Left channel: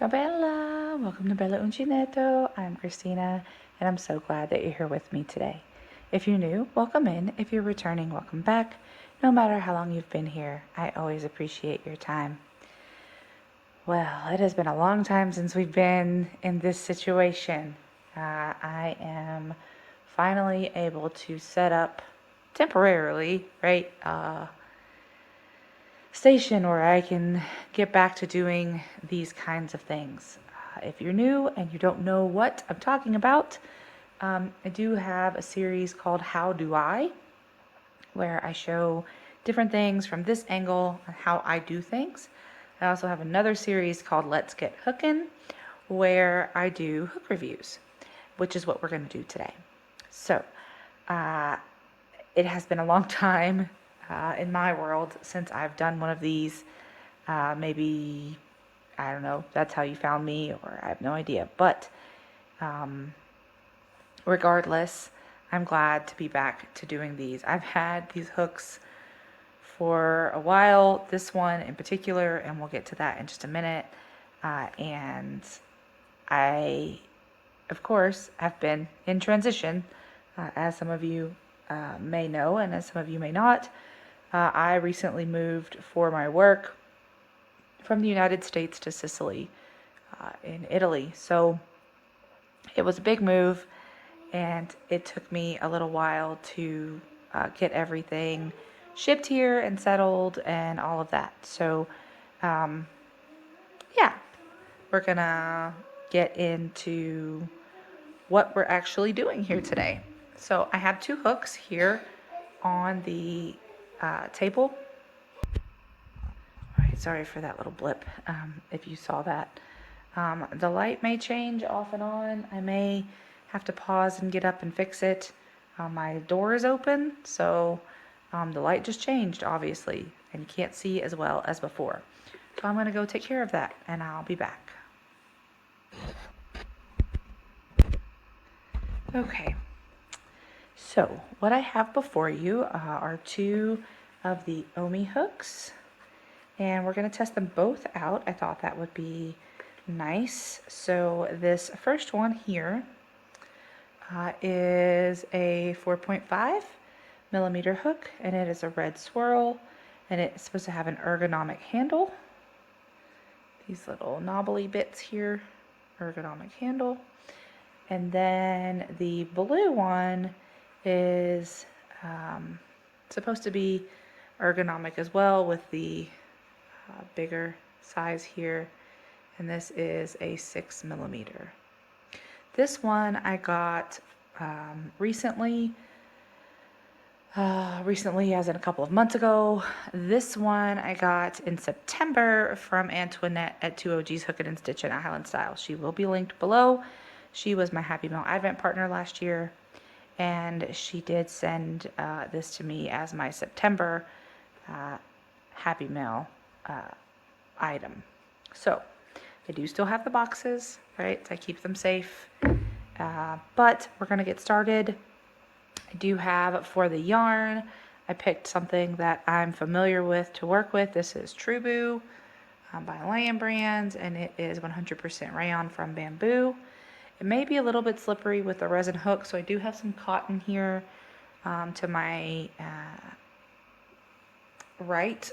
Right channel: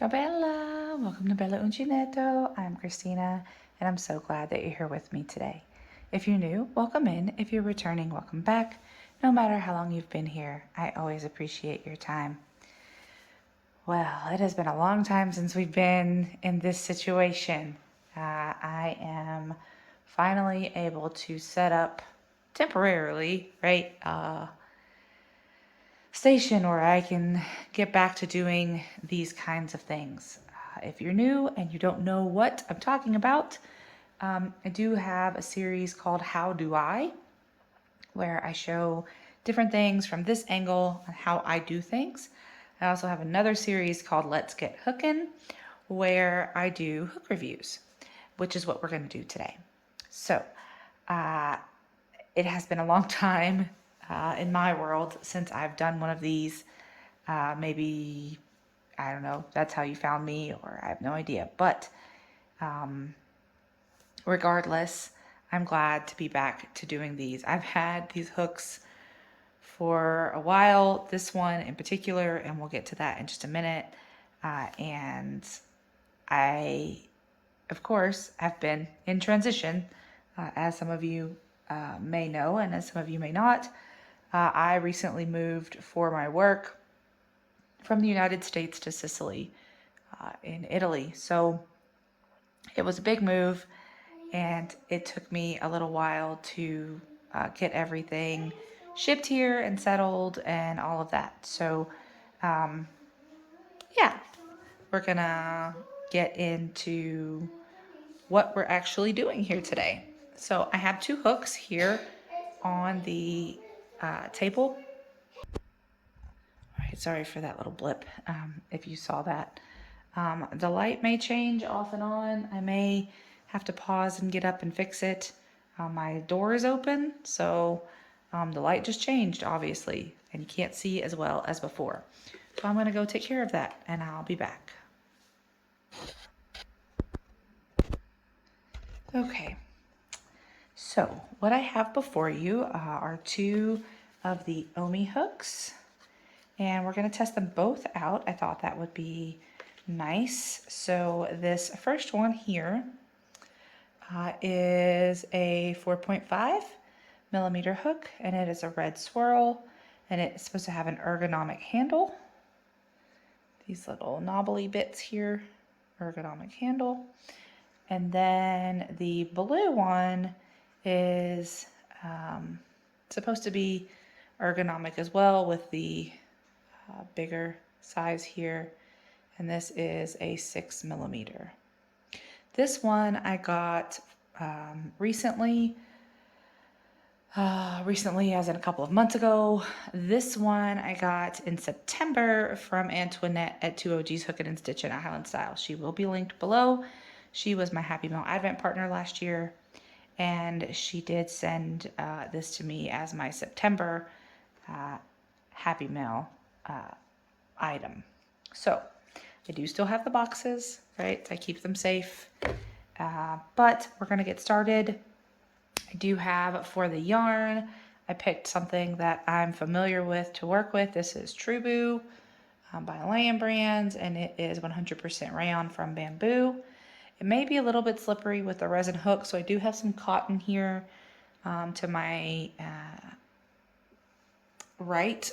Ciao Bella! Welcome to Bella Uncinetto. I'm Christina, and I'm so glad that you're here with me today. If you're new, welcome in. If you're returning, welcome back. No matter how long you've been here, I always appreciate your time. Well, it has been a long time since we've been in this situation. I am finally able to set up temporarily, right, station where I can get back to doing these kinds of things. If you're new and you don't know what I'm talking about, I do have a series called How Do I, where I show different things from this angle and how I do things. I also have another series called Let's Get Hookin', where I do hook reviews, which is what we're going to do today. So, it has been a long time in my world since I've done one of these. Maybe, I don't know, that's how you found me, or I have no idea. But regardless, I'm glad to be back to doing these. I've had these hooks for a while, this one in particular, and we'll get to that in just a minute. And I, of course, have been in transition, as some of you may know, and as some of you may not. I recently moved for my work from the United States to Sicily in Italy. So it was a big move, and it took me a little while to get everything shipped here and settled and all of that. So, yeah, we're gonna get into what we're actually doing here today. So I have two hooks here on the table. All right, sorry for that little blip, if you saw that. The light may change off and on. I may have to pause and get up and fix it. My door is open, so the light just changed, obviously, and you can't see as well as before. So I'm going to go take care of that, and I'll be back. Okay, so what I have before you are two of the Ommi hooks, and we're going to test them both out. I thought that would be nice. So this first one here is a 4.5 millimeter hook, and it is a red swirl, and it's supposed to have an ergonomic handle. These little knobbly bits here, ergonomic handle. And then the blue one is supposed to be ergonomic as well, with the bigger size here. And this is a 6 millimeter. This one I got recently as in a couple of months ago. This one I got in September from Antoinette at 2OG's Hookin' and Stitchin' at Highland Style. She will be linked below. She was my Happy Mail Advent partner last year, and she did send this to me as my September Happy Mail item. So I do still have the boxes, right? I keep them safe. But we're going to get started. I do have, for the yarn, I picked something that I'm familiar with to work with. This is Trubu by Lion Brands, and it is 100% rayon from bamboo. It may be a little bit slippery with the resin hook, so I do have some cotton here to my right.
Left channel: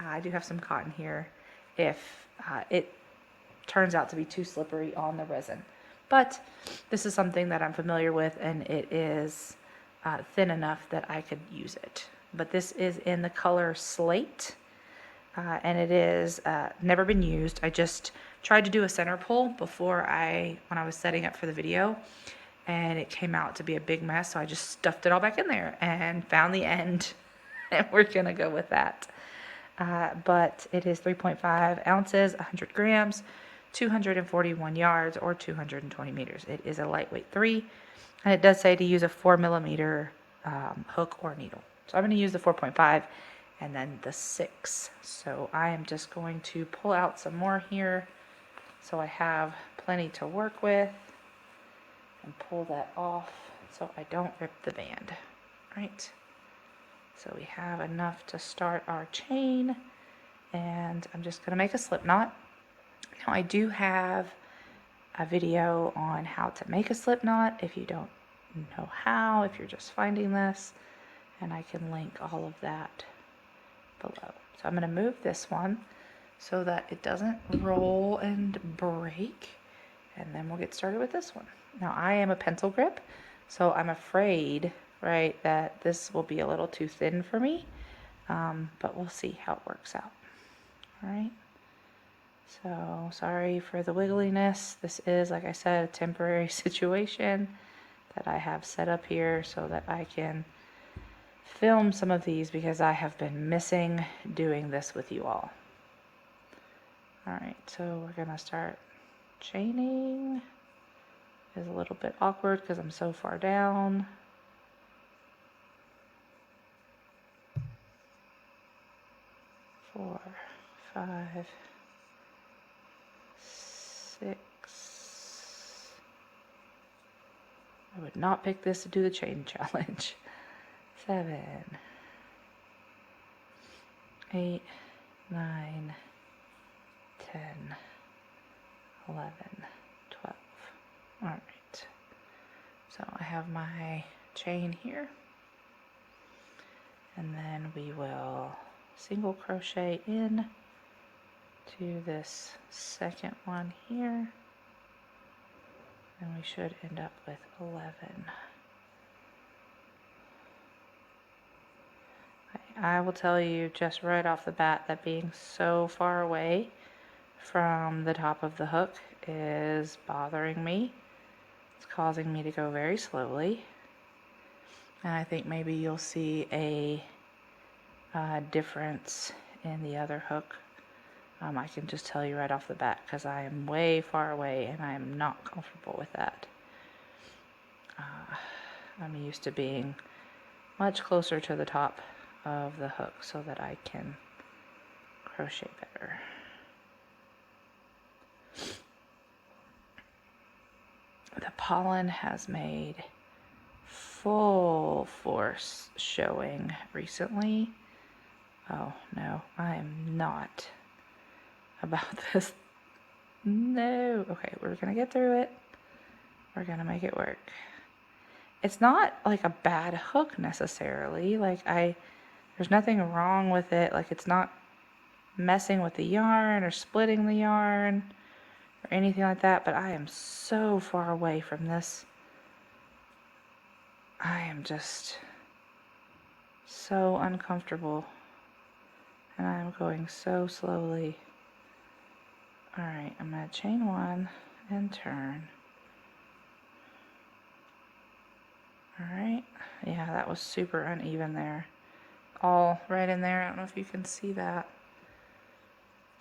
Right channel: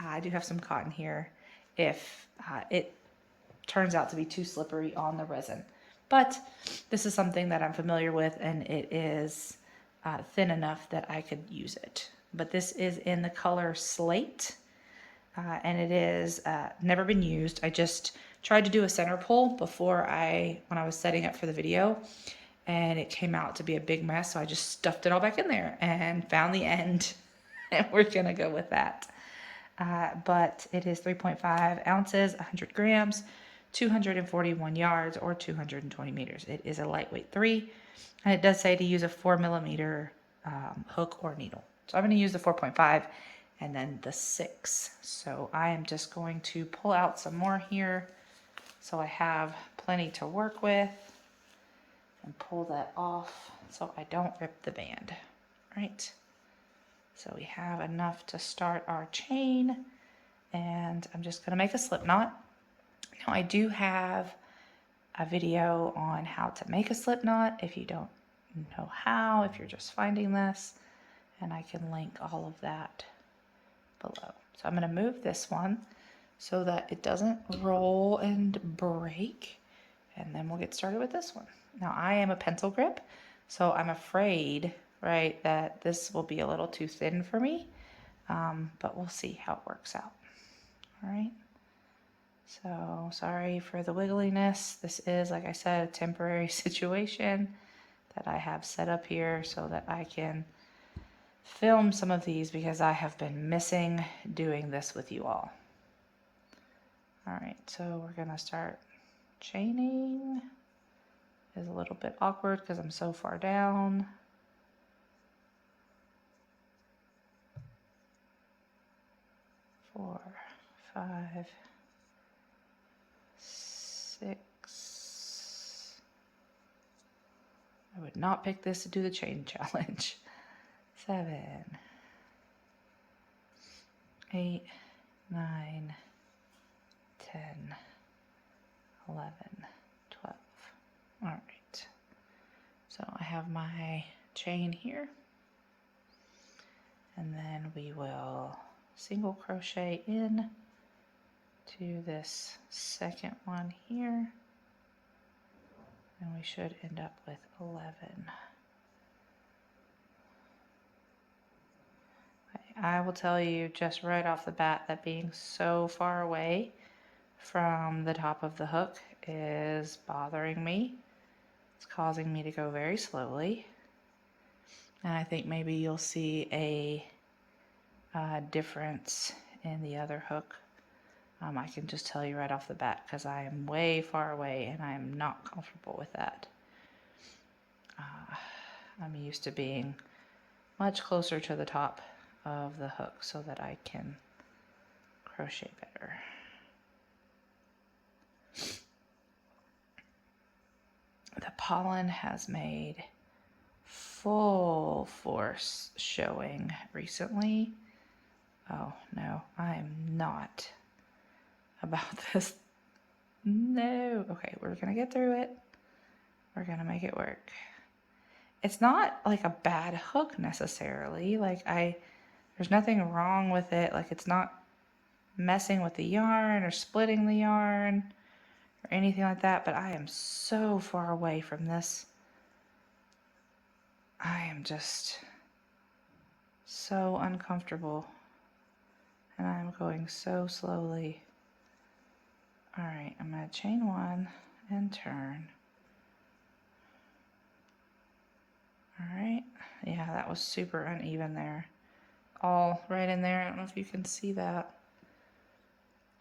I do have some cotton here if it turns out to be too slippery on the resin. But this is something that I'm familiar with, and it is thin enough that I could use it. But this is in the color Slate, and it is never been used. I just tried to do a center pull before when I was setting up for the video, and it came out to be a big mess, so I just stuffed it all back in there and found the end, and we're gonna go with that. But it is 3.5 ounces, 100 grams, 241 yards, or 220 meters. It is a lightweight 3, and it does say to use a 4 millimeter hook or needle. So I'm going to use the 4.5 and then the 6. So I am just going to pull out some more here so I have plenty to work with, and pull that off so I don't rip the band. Right? So we have enough to start our chain, and I'm just going to make a slip knot. Now I do have a video on how to make a slip knot if you don't know how, if you're just finding this, and I can link all of that below. So I'm going to move this one so that it doesn't roll and break, and then we'll get started with this one. Now I am a pencil grip, so I'm afraid, right, that this will be a little too thin for me, but we'll see how it works out. All right. So sorry for the wiggliness. This is, like I said, a temporary situation that I have set up here so that I can film some of these because I have been missing doing this with you all. All right, so we're gonna start chaining. It's a little bit awkward because I'm so far down. Four, five, 6. I would not pick this to do the chain challenge. 7, 8, 9, 10, 11, 12. All right. So I have my chain here, and then we will single crochet in to this second one here, and we should end up with 11. I will tell you just right off the bat that being so far away from the top of the hook is bothering me. It's causing me to go very slowly, and I think maybe you'll see a difference in the other hook. I can just tell you right off the bat because I am way far away and I'm not comfortable with that. I'm used to being much closer to the top of the hook so that I can crochet better. The pollen has made full force showing recently. Oh no, I'm not about this. No. Okay, we're gonna get through it. We're gonna make it work. It's not like a bad hook necessarily. Like there's nothing wrong with it. Like it's not messing with the yarn or splitting the yarn or anything like that, but I am so far away from this. I am just so uncomfortable, and I'm going so slowly. All right, I'm going to chain 1 and turn. All right, yeah, that was super uneven there. All right in there. I don't know if you can see that.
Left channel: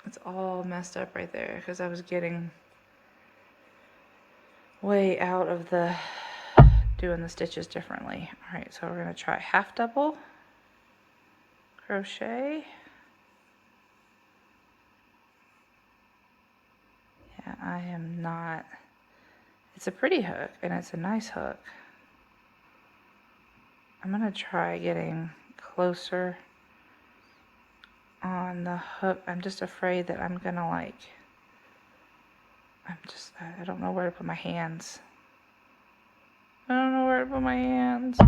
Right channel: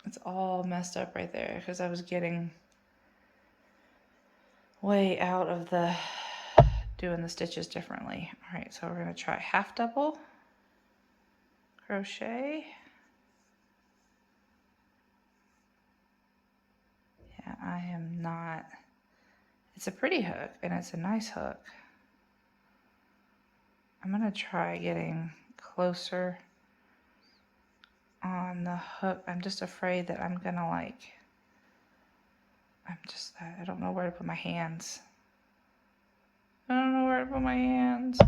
It's all messed up right there because I was getting way out of the doing the stitches differently. All right, so we're going to try half double crochet. Yeah, I am not. It's a pretty hook and it's a nice hook. I'm going to try getting closer on the hook. I'm just afraid that I'm going to I don't know where to put my hands. I don't know where to put my hands.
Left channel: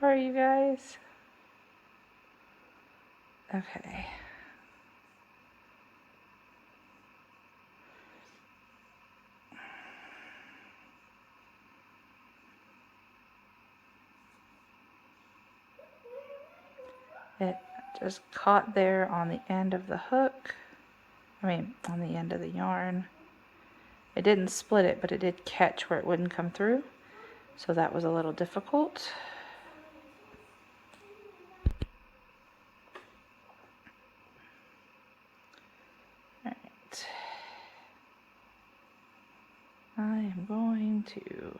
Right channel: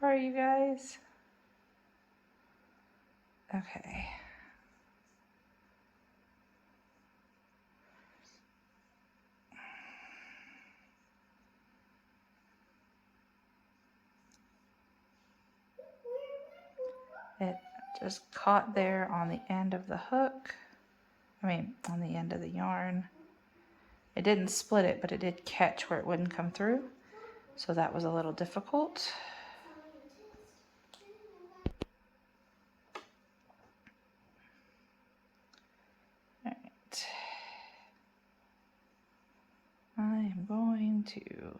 Sorry, you guys. Okay. It just caught there on the end of the hook. I mean, on the end of the yarn. It didn't split it, but it did catch where it wouldn't come through. So that was a little difficult. All right. I am going to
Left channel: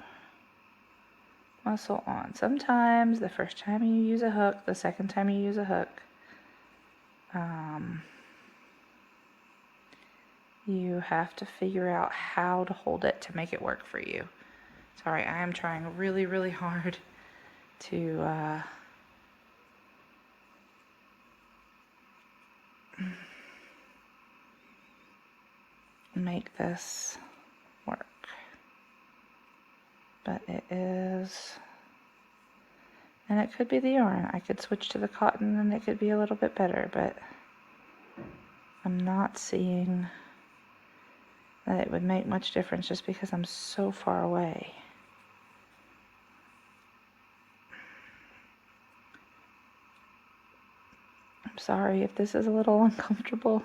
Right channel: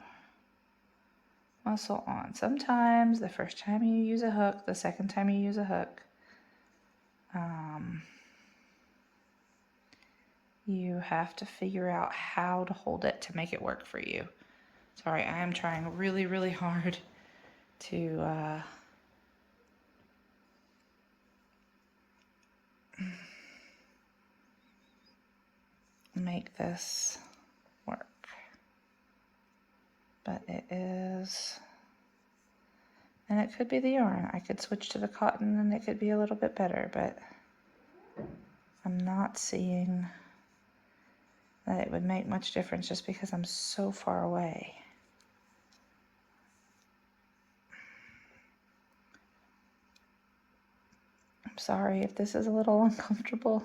muscle on. Sometimes the first time you use a hook, the second time you use a hook, you have to figure out how to hold it to make it work for you. Sorry, I am trying really, really hard to make this work. But it is, and it could be the yarn. I could switch to the cotton and it could be a little bit better, but I'm not seeing that it would make much difference just because I'm so far away. I'm sorry if this is a little uncomfortable.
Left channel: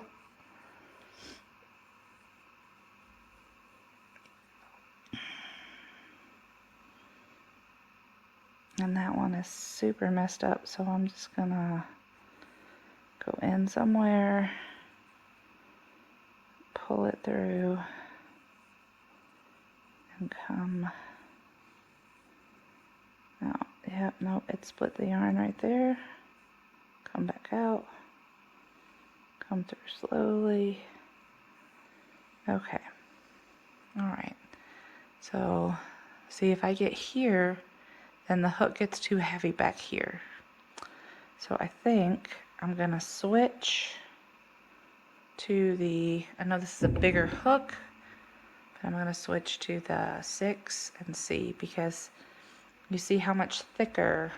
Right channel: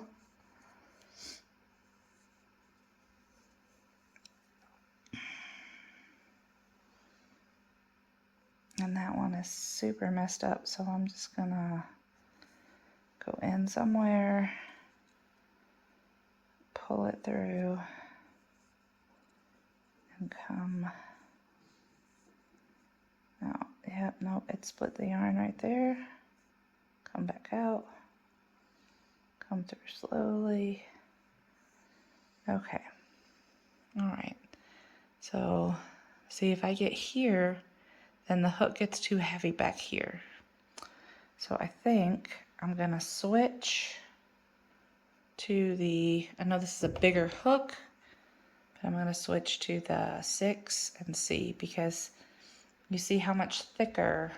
And that one is super messed up, so I'm just gonna go in somewhere, pull it through, and come out. Yep, nope, it split the yarn right there. Come back out, come through slowly. Okay, all right. So see, if I get here, then the hook gets too heavy back here. So I think I'm gonna switch to the, I know this is a bigger hook, but I'm gonna switch to the 6 and see, because you see how much thicker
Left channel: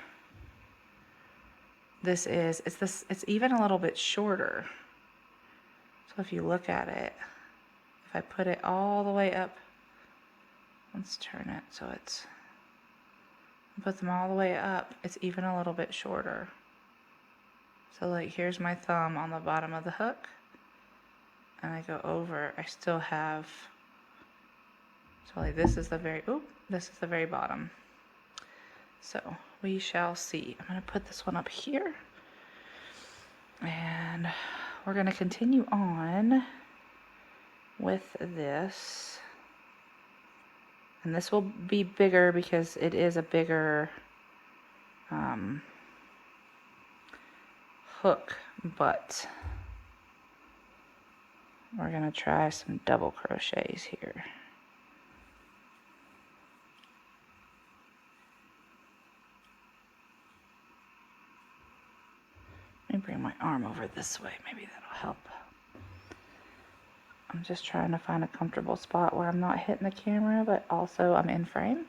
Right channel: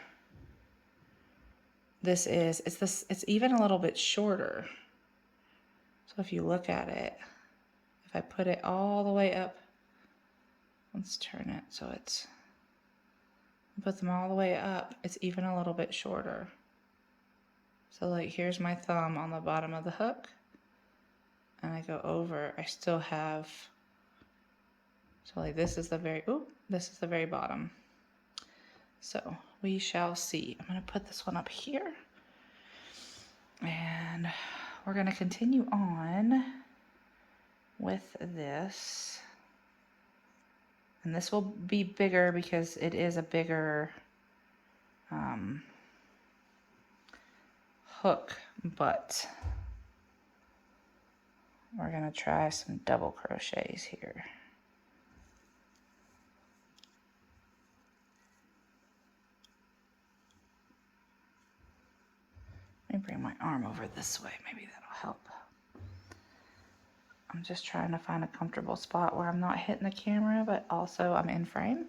this is. It's even a little bit shorter. So if you look at it, if I put it all the way up, let's turn it so it's, put them all the way up, it's even a little bit shorter. So like here's my thumb on the bottom of the hook, and I go over, I still have, so like this is the very, this is the very bottom. So we shall see. I'm gonna put this one up here, and we're gonna continue on with this. And this will be bigger because it is a bigger hook, but we're gonna try some double crochets here. Let me bring my arm over this way, maybe that'll help. I'm just trying to find a comfortable spot where I'm not hitting the camera, but also I'm in frame.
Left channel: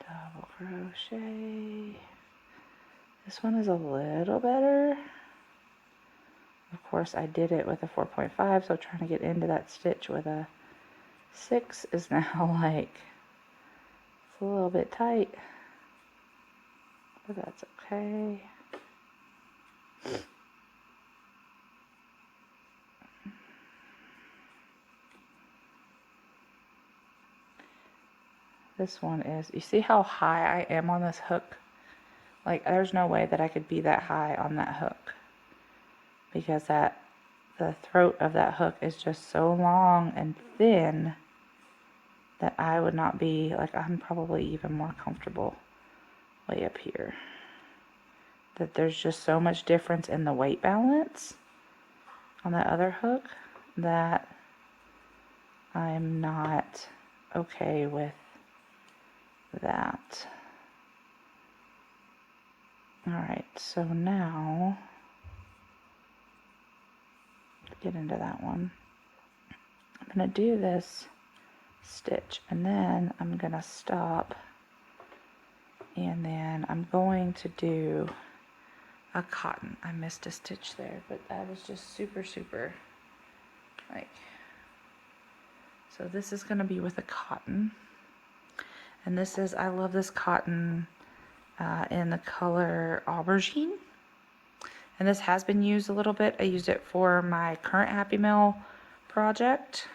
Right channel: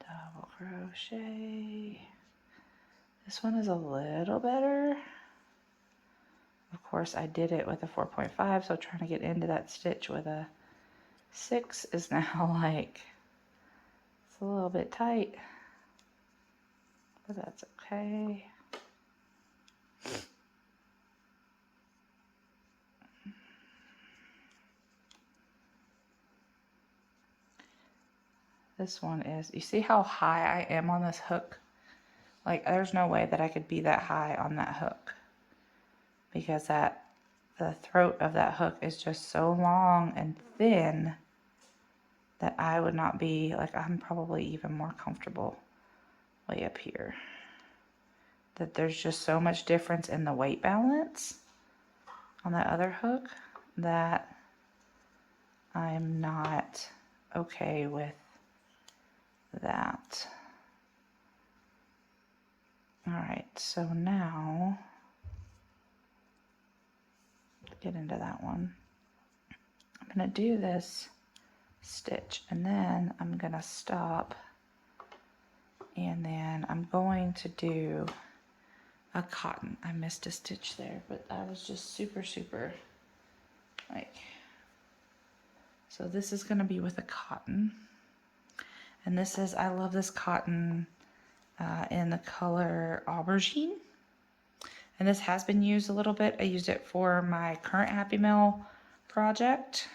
Double crochet. This one is a little better. Of course, I did it with a 4.5, so trying to get into that stitch with a 6 is now like, it's a little bit tight, but that's okay. This one is, you see how high I am on this hook? Like there's no way that I could be that high on that hook, because the throat of that hook is just so long and thin that I would not be, like I'm probably even more comfortable way up here. That there's just so much difference in the weight balance on that other hook that I'm not okay with that. All right, so now get into that one. I'm gonna do this stitch and then I'm gonna stop, and then I'm going to do a cotton. I missed a stitch there, but I was just super like, so this is gonna be with a cotton, and this is, I love this cotton in the color aubergine, and this has been used a little bit. I used it for my current Happy Mail project.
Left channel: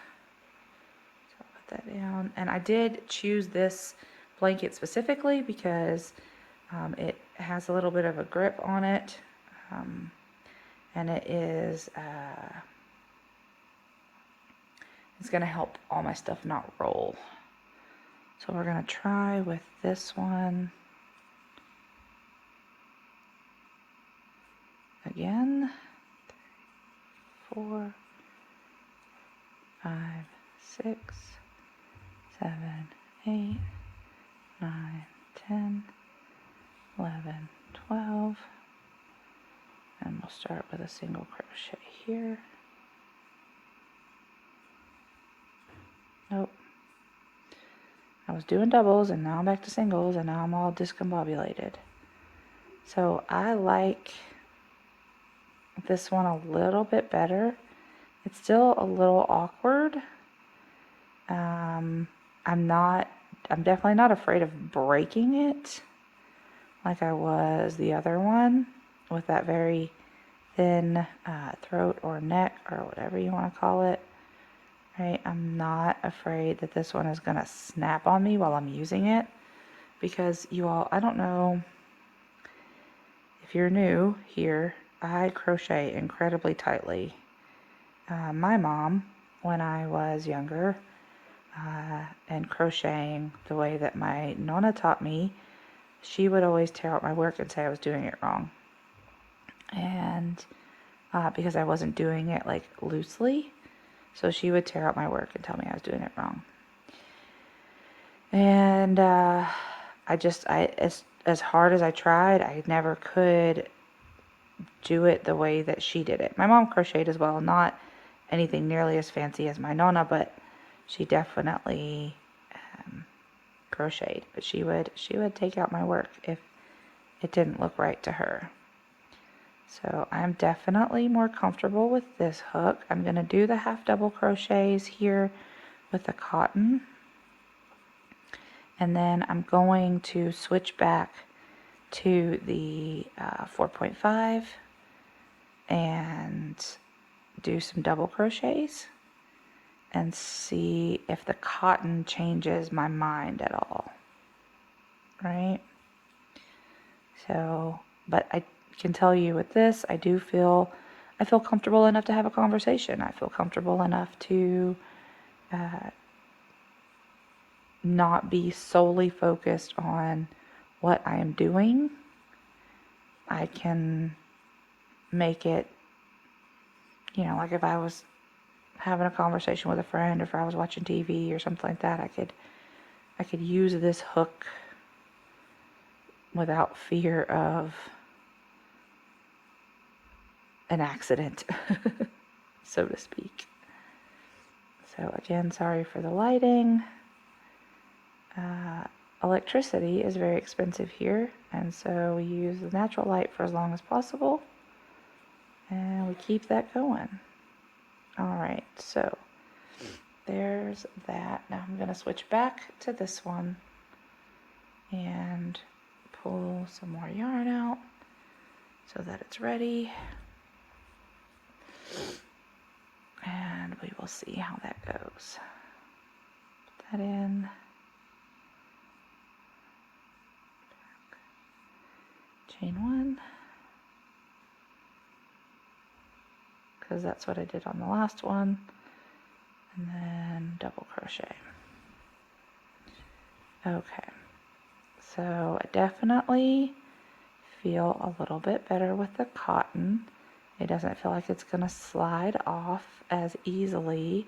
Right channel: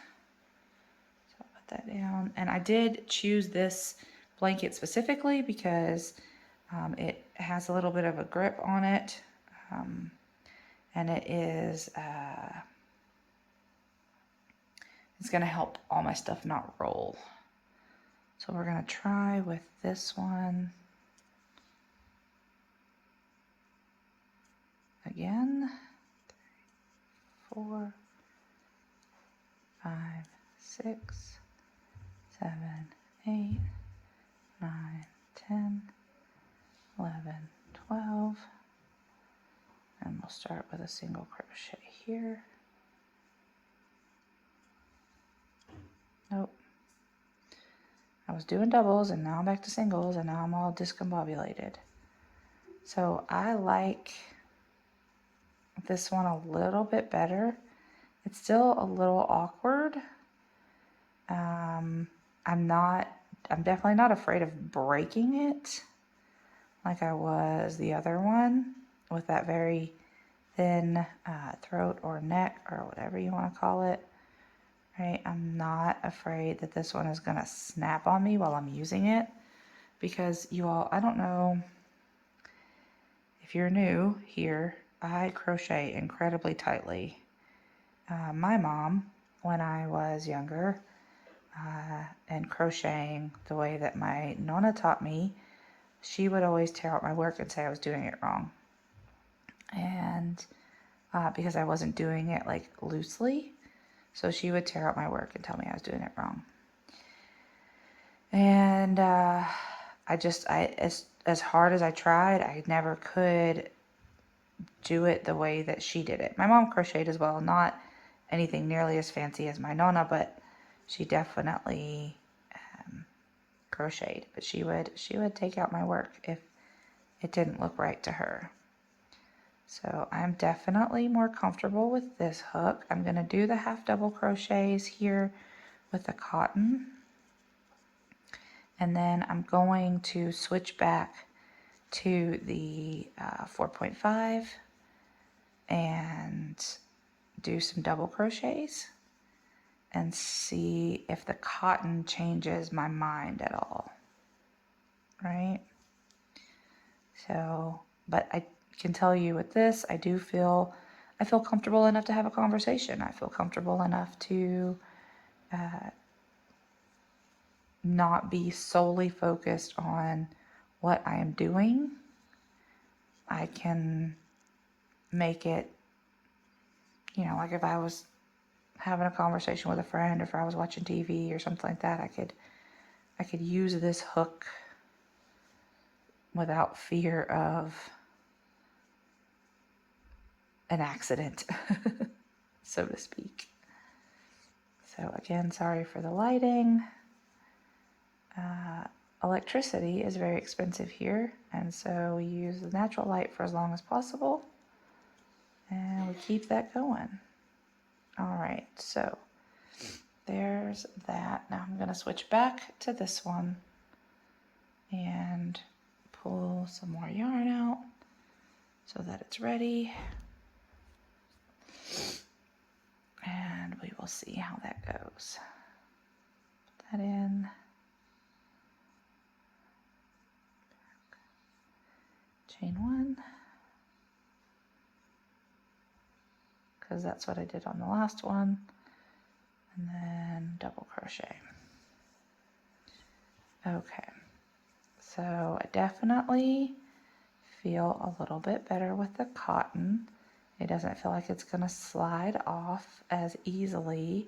So I'll put that down, and I did choose this blanket specifically because it has a little bit of a grip on it, and it is it's going to help all my stuff not roll. So we're going to try with this one again. 3, 4, 5, 6, 7, 8, 9, 10, 11, 12, and we'll start with a single crochet here. Nope. I was doing doubles and now I'm back to singles and now I'm all discombobulated. So I like this one a little bit better. It's still a little awkward. I'm definitely not afraid of breaking it like I was the other one with that very thin throat or neck or whatever you want to call it. Right? I'm not afraid that this one is going to snap on me while I'm using it, because you all, I don't know if you're new here, I crochet incredibly tightly. My mom, when I was younger, and crocheting the way that my nonna taught me, she would always tear out my work and say I was doing it wrong. And because I wasn't doing it like loosely, so she would tear out my work and tell me I was doing it wrong. And as hard as I tried, I never could do it the way that she did it. My mom crocheted as well, not anything nearly as fancy as my nonna, but she definitely crocheted. But she would take out my work if it didn't look right to her. So I'm definitely more comfortable with this hook. I'm going to do the half double crochets here with the cotton. And then I'm going to switch back to the 4.5 and do some double crochets and see if the cotton changes my mind at all. Right? So, but I can tell you with this, I feel comfortable enough to have a conversation. I feel comfortable enough to not be solely focused on what I am doing. I can make it, like if I was having a conversation with a friend, or if I was watching TV or something like that, I could use this hook without fear of an accident, so to speak. So again, sorry for the lighting. Electricity is very expensive here, and so we use the natural light for as long as possible, and we keep that going. All right, so there's that. Now I'm going to switch back to this one and pull some more yarn out so that it's ready, and we will see how that goes. Put that in. Chain one, because that's what I did on the last one, and then double crochet. Okay, so I definitely feel a little bit better with the cotton. It doesn't feel like it's gonna slide off as easily,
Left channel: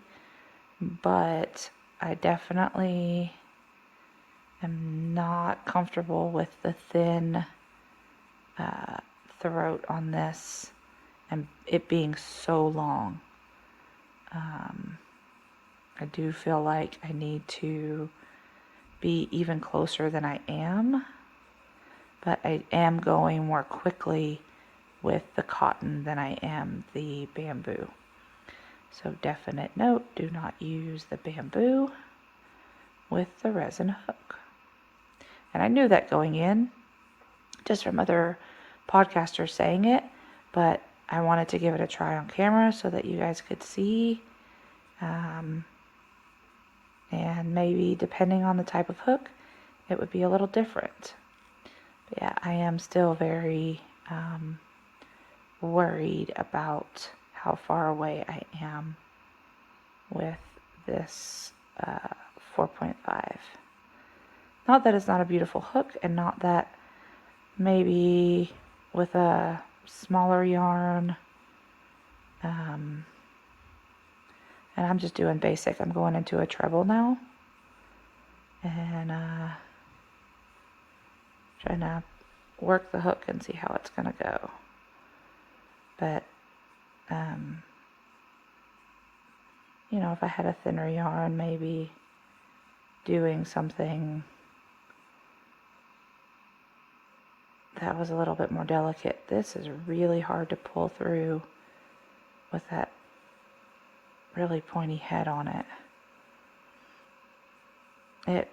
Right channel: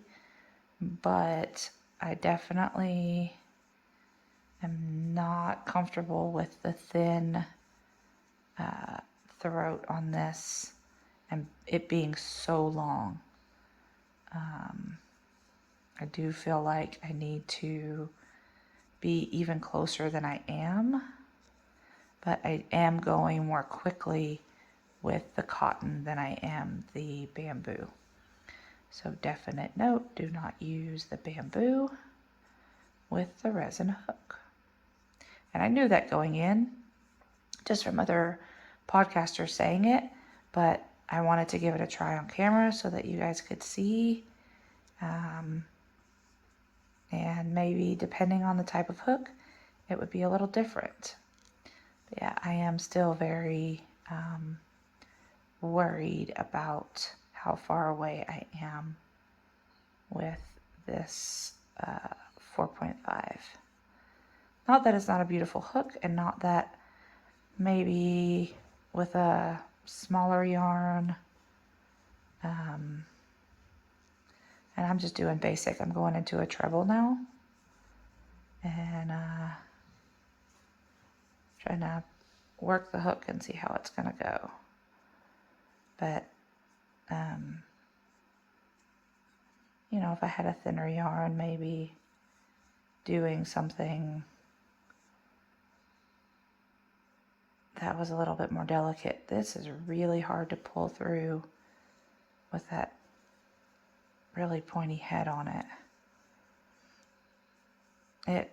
but I definitely am not comfortable with the thin throat on this and it being so long. I do feel like I need to be even closer than I am, but I am going more quickly with the cotton than I am the bamboo. So definite note, do not use the bamboo with the resin hook. And I knew that going in, just from other podcasters saying it, but I wanted to give it a try on camera so that you guys could see. And maybe depending on the type of hook, it would be a little different. But yeah, I am still very worried about how far away I am with this 4.5. Not that it's not a beautiful hook, and not that maybe with a smaller yarn, and I'm just doing basic. I'm going into a treble now, and trying to work the hook and see how it's gonna go. But, you know, if I had a thinner yarn, maybe doing something that was a little bit more delicate. This is really hard to pull through with that really pointy head on it. It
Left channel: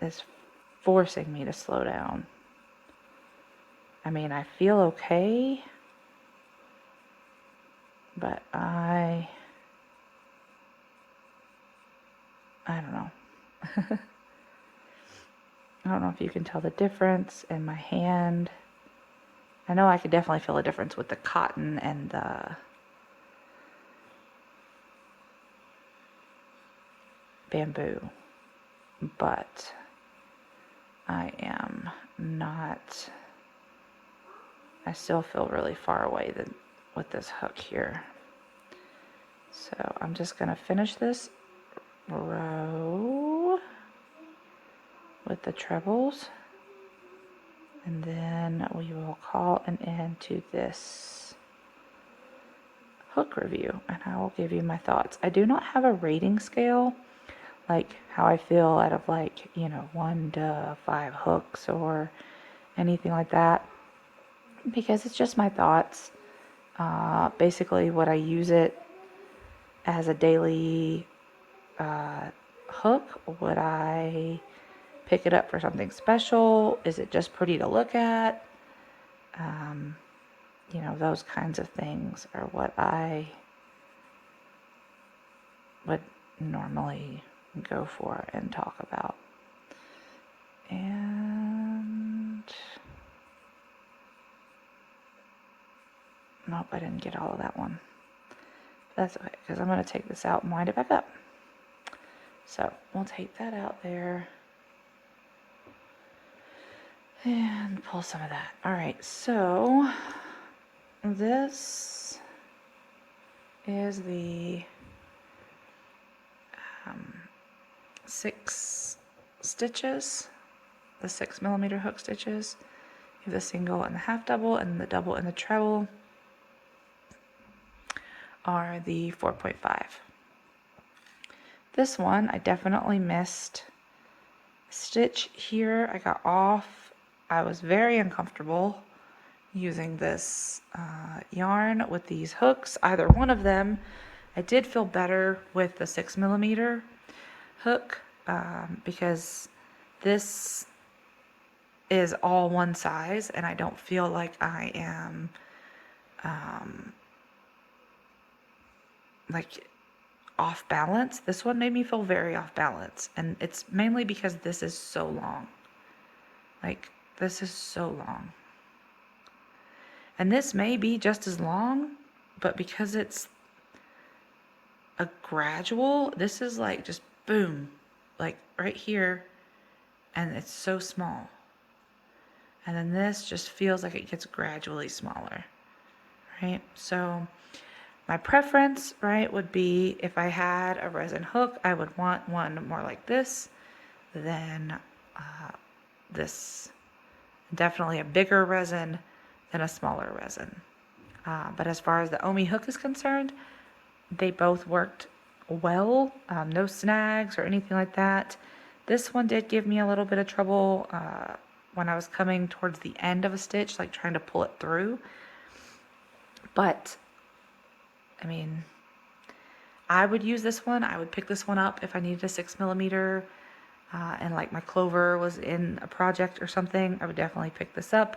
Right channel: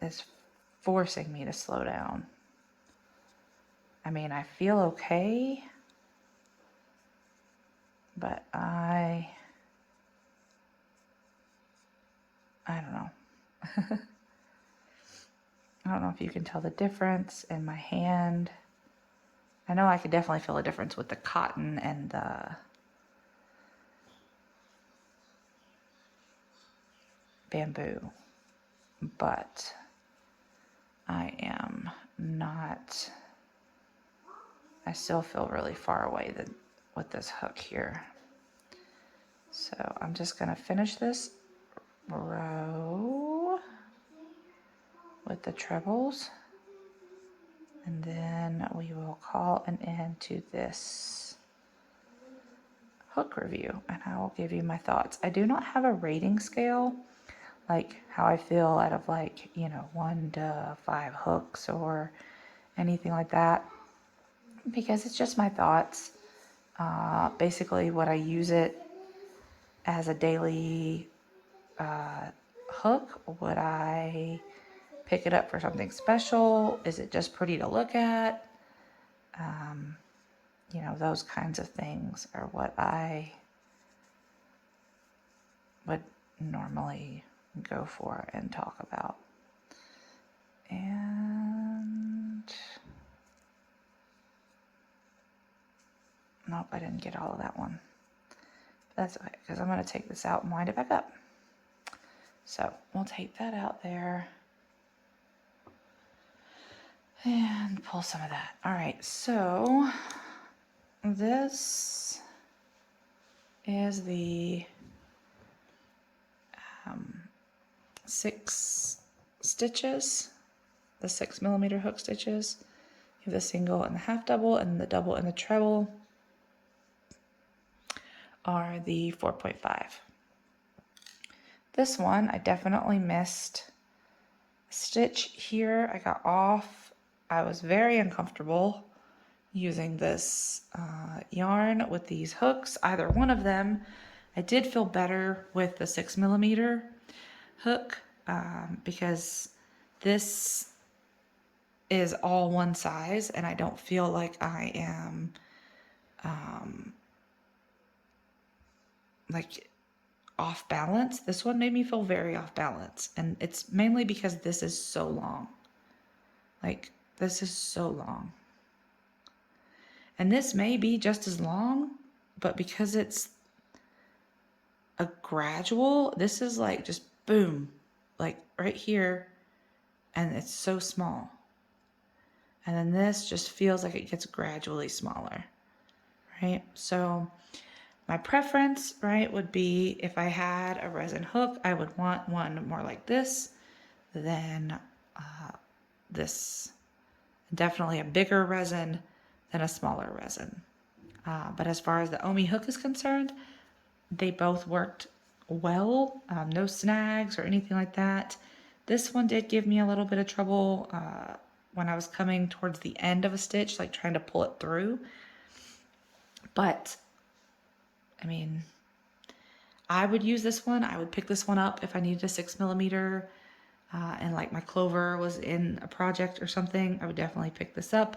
is forcing me to slow down. I mean, I feel okay, but I don't know. I don't know if you can tell the difference in my hand. I know I could definitely feel a difference with the cotton and the bamboo, but I am not, I still feel really far away with this hook here. So I'm just going to finish this row with the trebles, and then we will call an end to this hook review, and I will give you my thoughts. I do not have a rating scale, like how I feel out of, like, you know, 1 to 5 hooks or anything like that, because it's just my thoughts. Basically, would I use it as a daily hook? Would I pick it up for something special? Is it just pretty to look at? You know, those kinds of things are what I would normally go for and talk about. And nope, I didn't get all of that one. That's okay, because I'm going to take this out and wind it back up. So we'll take that out there and pull some of that. All right, so this is the 6 stitches, the 6mm hook stitches. You have the single and the half double, and the double and the treble are the 4.5. This one, I definitely missed a stitch here. I got off. I was very uncomfortable using this yarn with these hooks, either one of them. I did feel better with the 6mm hook because this is all one size, and I don't feel like I am like off balance. This one made me feel very off balance, and it's mainly because this is so long. Like, this is so long. And this may be just as long, but because it's a gradual, this is like just boom, like right here, and it's so small. And then this just feels like it gets gradually smaller, right? So my preference, right, would be if I had a resin hook, I would want one more like this than this. Definitely a bigger resin than a smaller resin. But as far as the Ommi hook is concerned, they both worked well. No snags or anything like that. This one did give me a little bit of trouble when I was coming towards the end of a stitch, like trying to pull it through. But, I mean, I would use this one. I would pick this one up if I needed a 6mm and like my clover was in a project or something. I would definitely pick this up.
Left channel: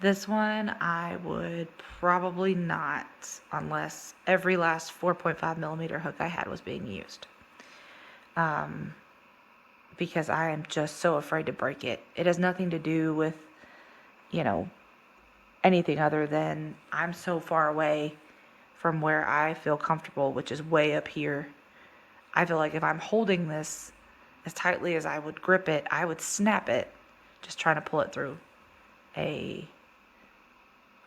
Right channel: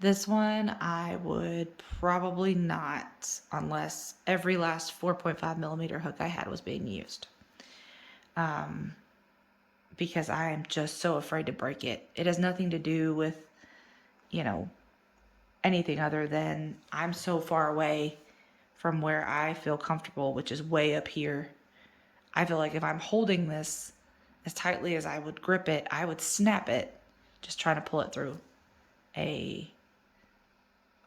This one I would probably not, unless every last 4.5mm hook I had was being used. Because I am just so afraid to break it. It has nothing to do with, you know, anything other than I'm so far away from where I feel comfortable, which is way up here. I feel like if I'm holding this as tightly as I would grip it, I would snap it just trying to pull it through a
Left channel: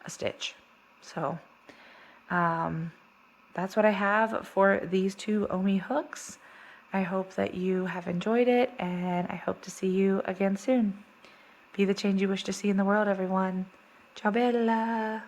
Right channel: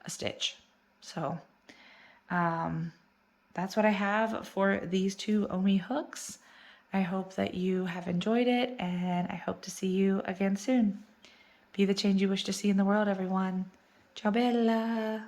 stitch. So that's what I have for these 2 Ommi hooks. I hope that you have enjoyed it, and I hope to see you again soon. Be the change you wish to see in the world, everyone. Ciao bella!